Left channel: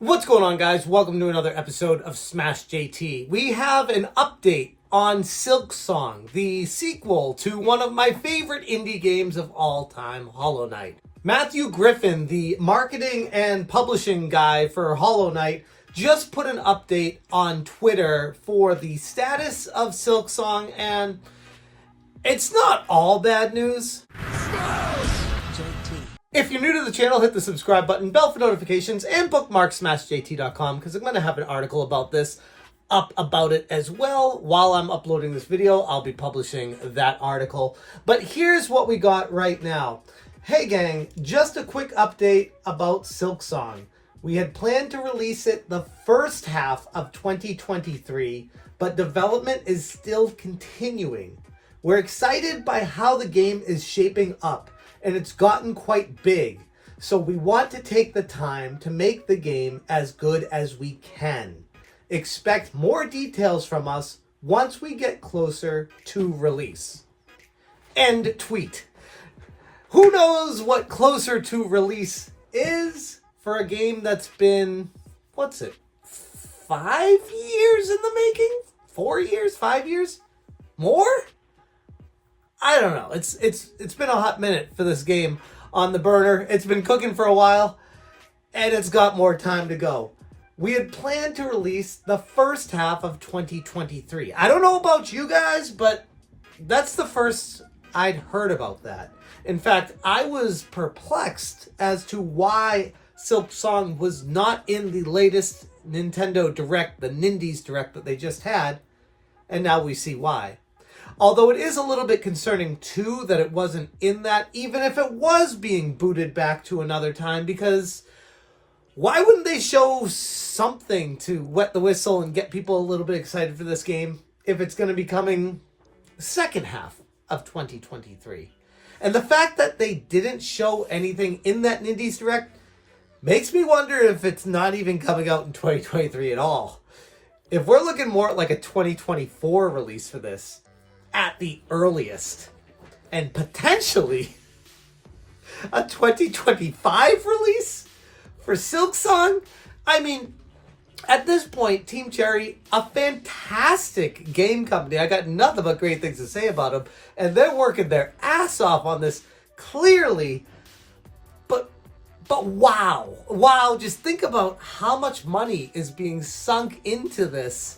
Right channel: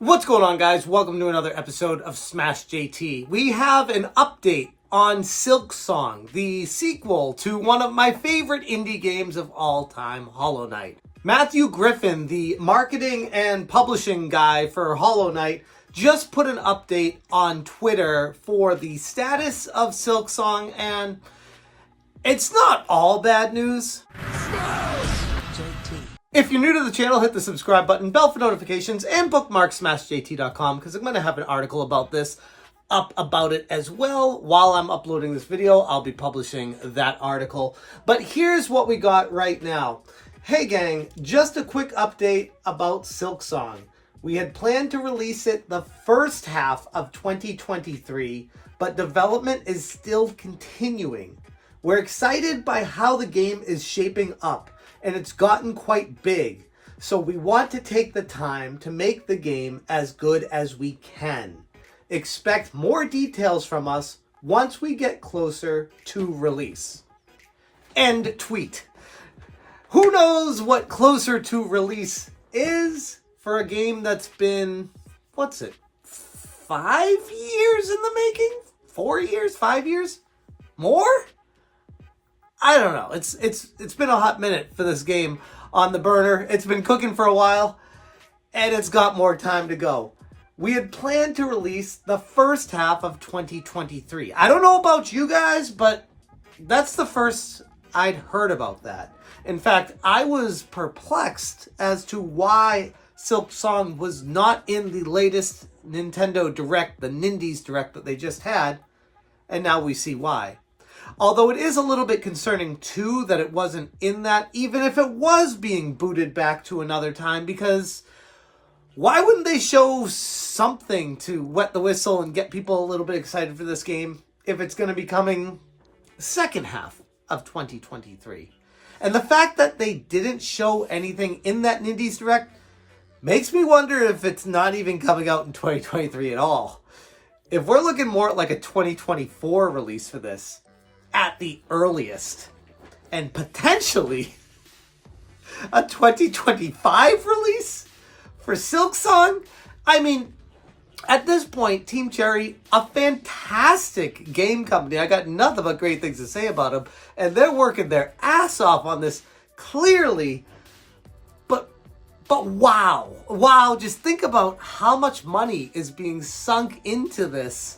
What's going on, guys? Welcome to another episode of Smash JT. We have an update on Silksong, the sequel to one of my favorite indie games of all time, HollowKnight. Matthew Griffin, the marketing and publishing guy for HollowKnight, just put an update on Twitter for the status of Silksong, and it's not all bad news. If you're new to the channel, hit the subscribe button, bell for notifications, and bookmark smashjt.com because I'm going to have an article about this up about it as well. While I'm uploading this video, I'll be publishing that article. But here's what we got right now. Hey gang, just a quick update about Silksong. We had planned to release it the first half of 2023, but development is still continuing. We're excited by how the game is shaping up, and it's gotten quite big. So we want to take the time to make the game as good as we can. Expect more details from us once we get closer to release. End tweet. Who knows what closer to release is for a game that's been, 5 years in the making? 4 years? 5 years? More? I don't know. It's been a hot minute for this game on the burner. It's been cooking for a while, and it's got more time to go. We had planned to release the first half of 2023. I don't know about you guys, but that's the first I'd heard about that. In fact, I was perplexed as to why Silksong was not in the latest Nintendo Direct, the Nindies Direct that they just had, and now we see why. Although it is a little bit concerning, too, that it wasn't in that, even if it was being booted back to another time, because why wouldn't they show something to wet the whistle and get people a little bit excited for this game if it's going to be coming second half of 2023? And the fact that they didn't show anything in that Nindies Direct makes me wonder if it's not even coming out in 2023 at all. If we're looking more at like a 2024 release for this, at the earliest, and potentially a 2025 release for Silksong. I mean, at this point, Team Cherry, a fantastic game company. I got nothing but great things to say about them, and they're working their ass off on this clearly. But wow, just think about how much money is being sunk into this,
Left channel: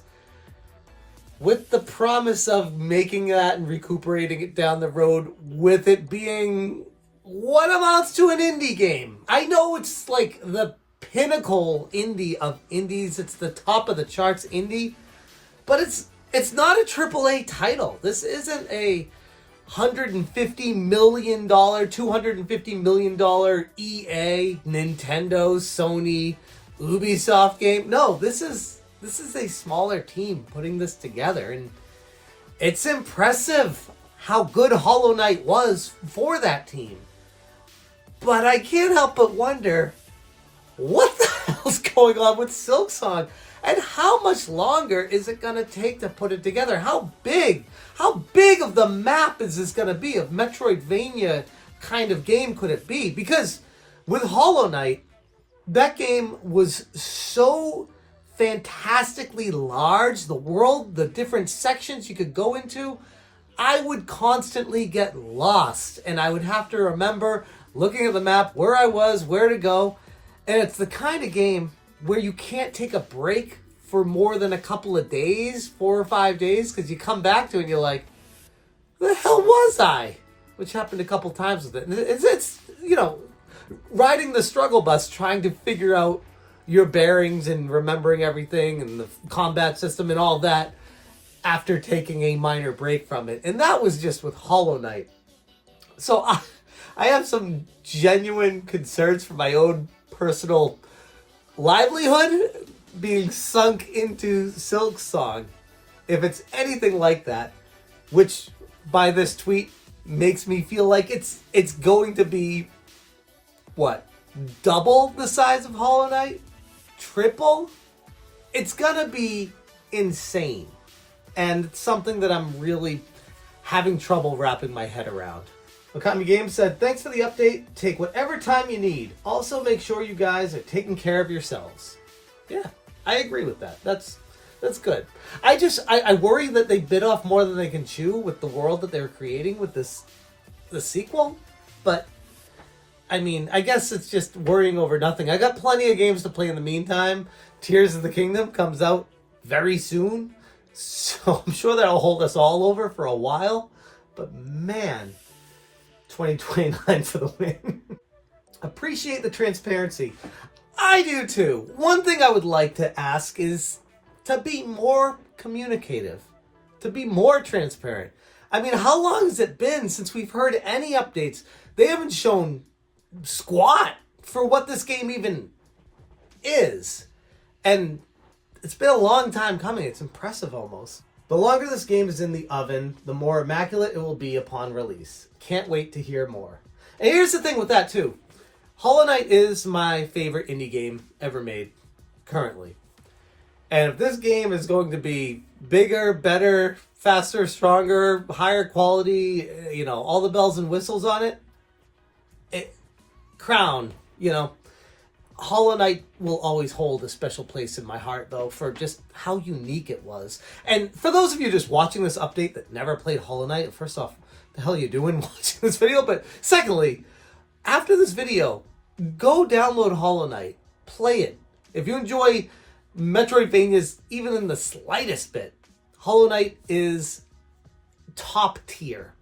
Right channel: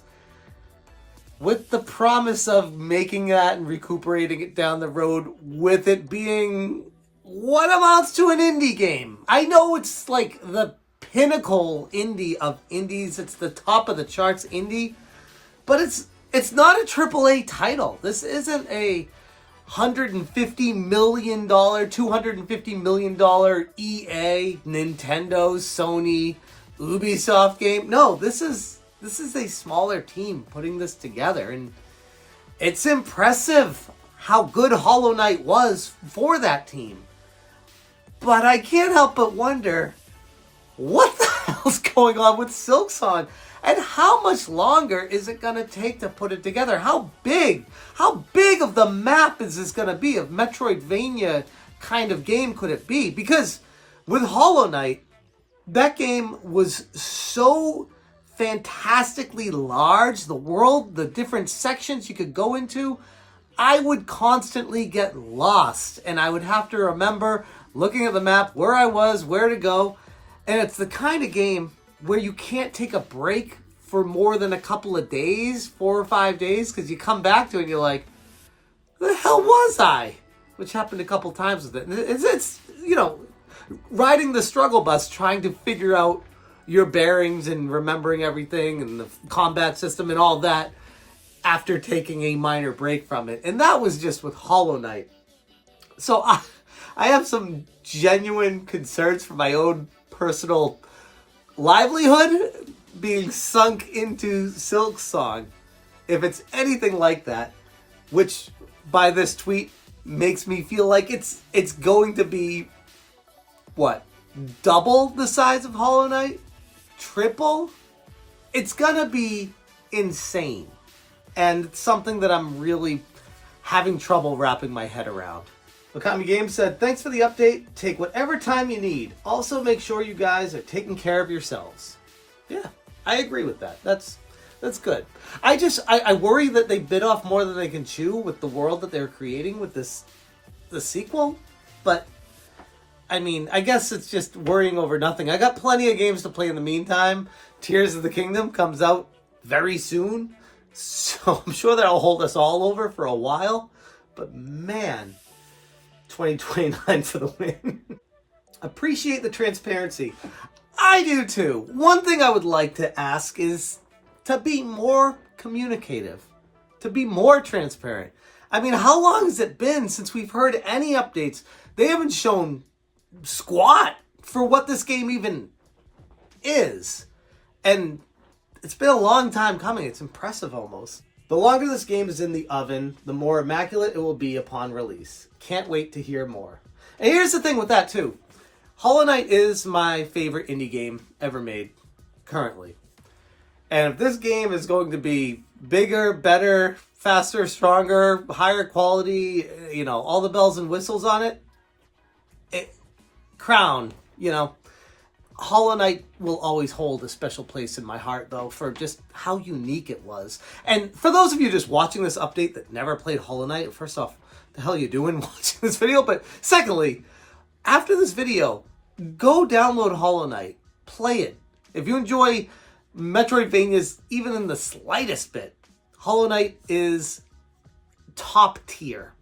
with the promise of making that and recuperating it down the road, with it being what amounts to an indie game. I know it's like the pinnacle indie of indies. It's the top of the charts indie, but it's not a AAA title. This isn't a $150 million, $250 million EA, Nintendo, Sony, Ubisoft game. No, this is a smaller team putting this together, and it's impressive how good HollowKnight was for that team. But I can't help but wonder, what the hell's going on with Silksong? And how much longer is it going to take to put it together? How big of the map is this going to be? Of Metroidvania kind of game could it be? Because with HollowKnight, that game was so fantastically large, the world, the different sections you could go into, I would constantly get lost, and I would have to remember looking at the map where I was, where to go. And it's the kind of game where you can't take a break for more than a couple of days, 4 or 5 days, because you come back to it and you're like, where the hell was I? Which happened a couple times with it. It's riding the struggle bus, trying to figure out your bearings and remembering everything and the combat system and all that after taking a minor break from it. And that was just with HollowKnight. So I have some genuine concerns for my own personal livelihood being sunk into Silksong. If it's anything like that, which by this tweet makes me feel like it's going to be, double the size of HollowKnight? Triple? It's gonna be insane, and it's something that I'm really having trouble wrapping my head around. Okami Games said, thanks for the update. Take whatever time you need. Also, make sure you guys are taking care of yourselves. Yeah, I agree with that. That's good. I worry that they bit off more than they can chew with the world that they're creating with the sequel. But I mean, I guess it's just worrying over nothing. I got plenty of games to play in the meantime. Tears of the Kingdom comes out very soon, so I'm sure that'll hold us all over for a while. But man, 2029 for the win. Appreciate the transparency. I do too. One thing I would like to ask is to be more communicative, to be more transparent. I mean, how long has it been since we've heard any updates? They haven't shown squat for what this game even is. And it's been a long time coming. It's impressive almost. The longer this game is in the oven, the more immaculate it will be upon release. Can't wait to hear more. And here's the thing with that too. HollowKnight is my favorite indie game ever made, currently. And if this game is going to be bigger, better, faster, stronger, higher quality, you know, all the bells and whistles on it, crown, you know, HollowKnight will always hold a special place in my heart, though, for just how unique it was. And for those of you just watching this update that never played HollowKnight, first off, the hell are you doing watching this video? But secondly, after this video, go download HollowKnight, play it. If you enjoy Metroidvanias even in the slightest bit, HollowKnight is top tier.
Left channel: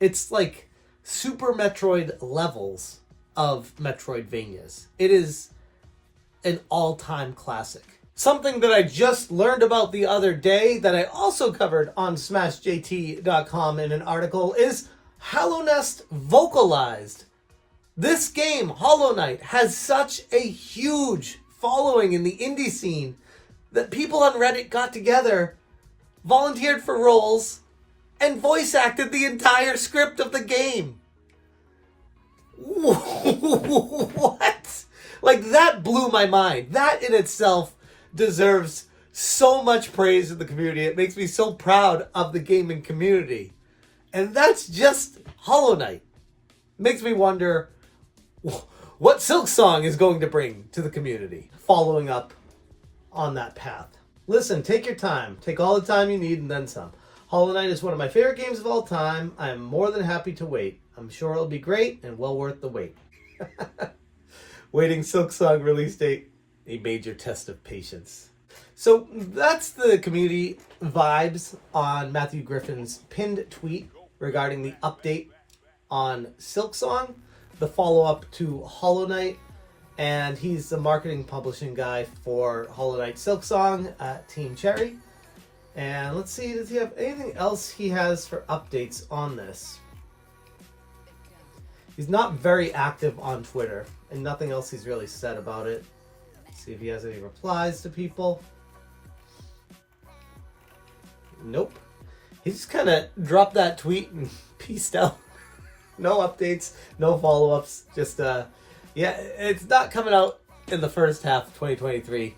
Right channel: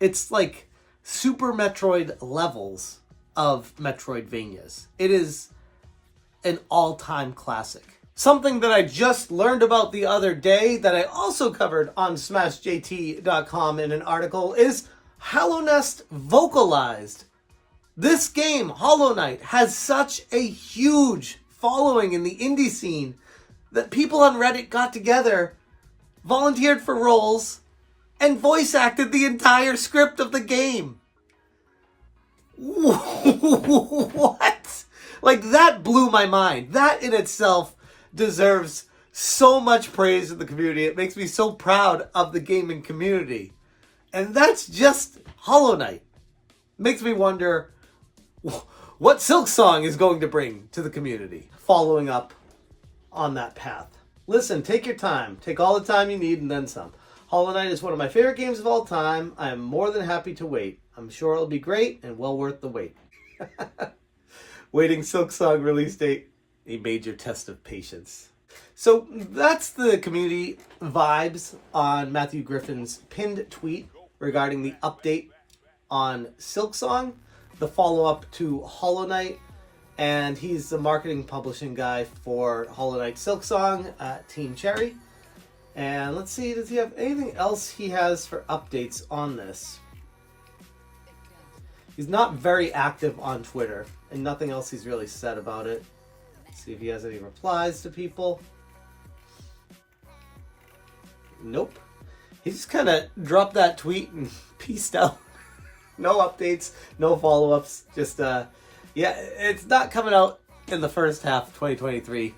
It's like Super Metroid levels of Metroidvanias. It is an all-time classic. Something that I just learned about the other day that I also covered on SmashJT.com in an article is HollowNest vocalized. This game, HollowKnight, has such a huge following in the indie scene that people on Reddit got together, volunteered for roles, and voice acted the entire script of the game. What? Like, that blew my mind. That in itself deserves so much praise in the community. It makes me so proud of the gaming community. And that's just HollowKnight. Makes me wonder what Silksong is going to bring to the community, following up on that path. Listen, take your time. Take all the time you need and then some. HollowKnight is one of my favorite games of all time. I am more than happy to wait. I'm sure it'll be great and well worth the wait. Waiting Silksong release date, a major test of patience. So that's the community vibes on Matthew Griffin's pinned tweet regarding the update on Silksong, the follow-up to HollowKnight, and he's the marketing publishing guy for HollowKnight Silksong at Team Cherry. And let's see, does he have anything else he has for updates on this? He's not very active on Twitter, and nothing else he's really said about it. Let's see if he has any replies to people. Nope. He just kind of dropped that tweet and peaced out. No updates, no follow-ups. Just, yeah, it's not coming out in the first half of 2023.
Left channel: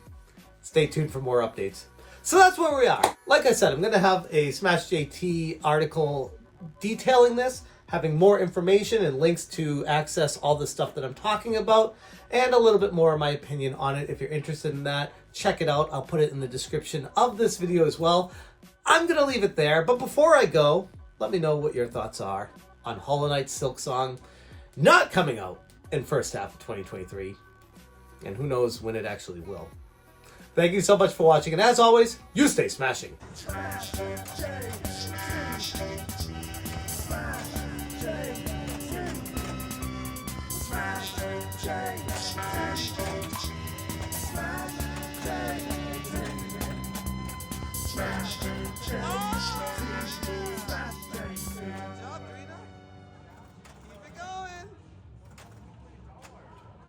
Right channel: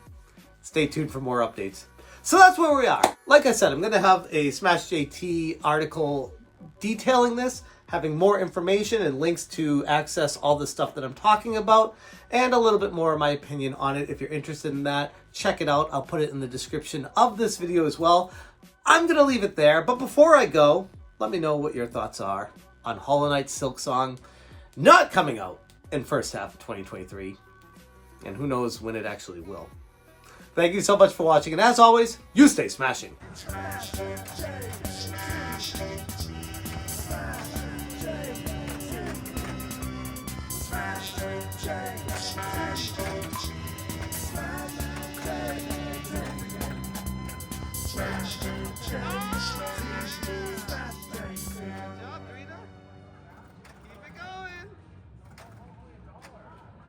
Stay tuned for more updates. So that's where we are. Like I said, I'm going to have a SmashJT article detailing this, having more information and links to access all the stuff that I'm talking about, and a little bit more of my opinion on it. If you're interested in that, check it out. I'll put it in the description of this video as well. I'm going to leave it there, but before I go, let me know what your thoughts are on HollowKnight Silksong not coming out in first half of 2023, and who knows when it actually will. Thank you so much for watching, and as always, you stay smashing.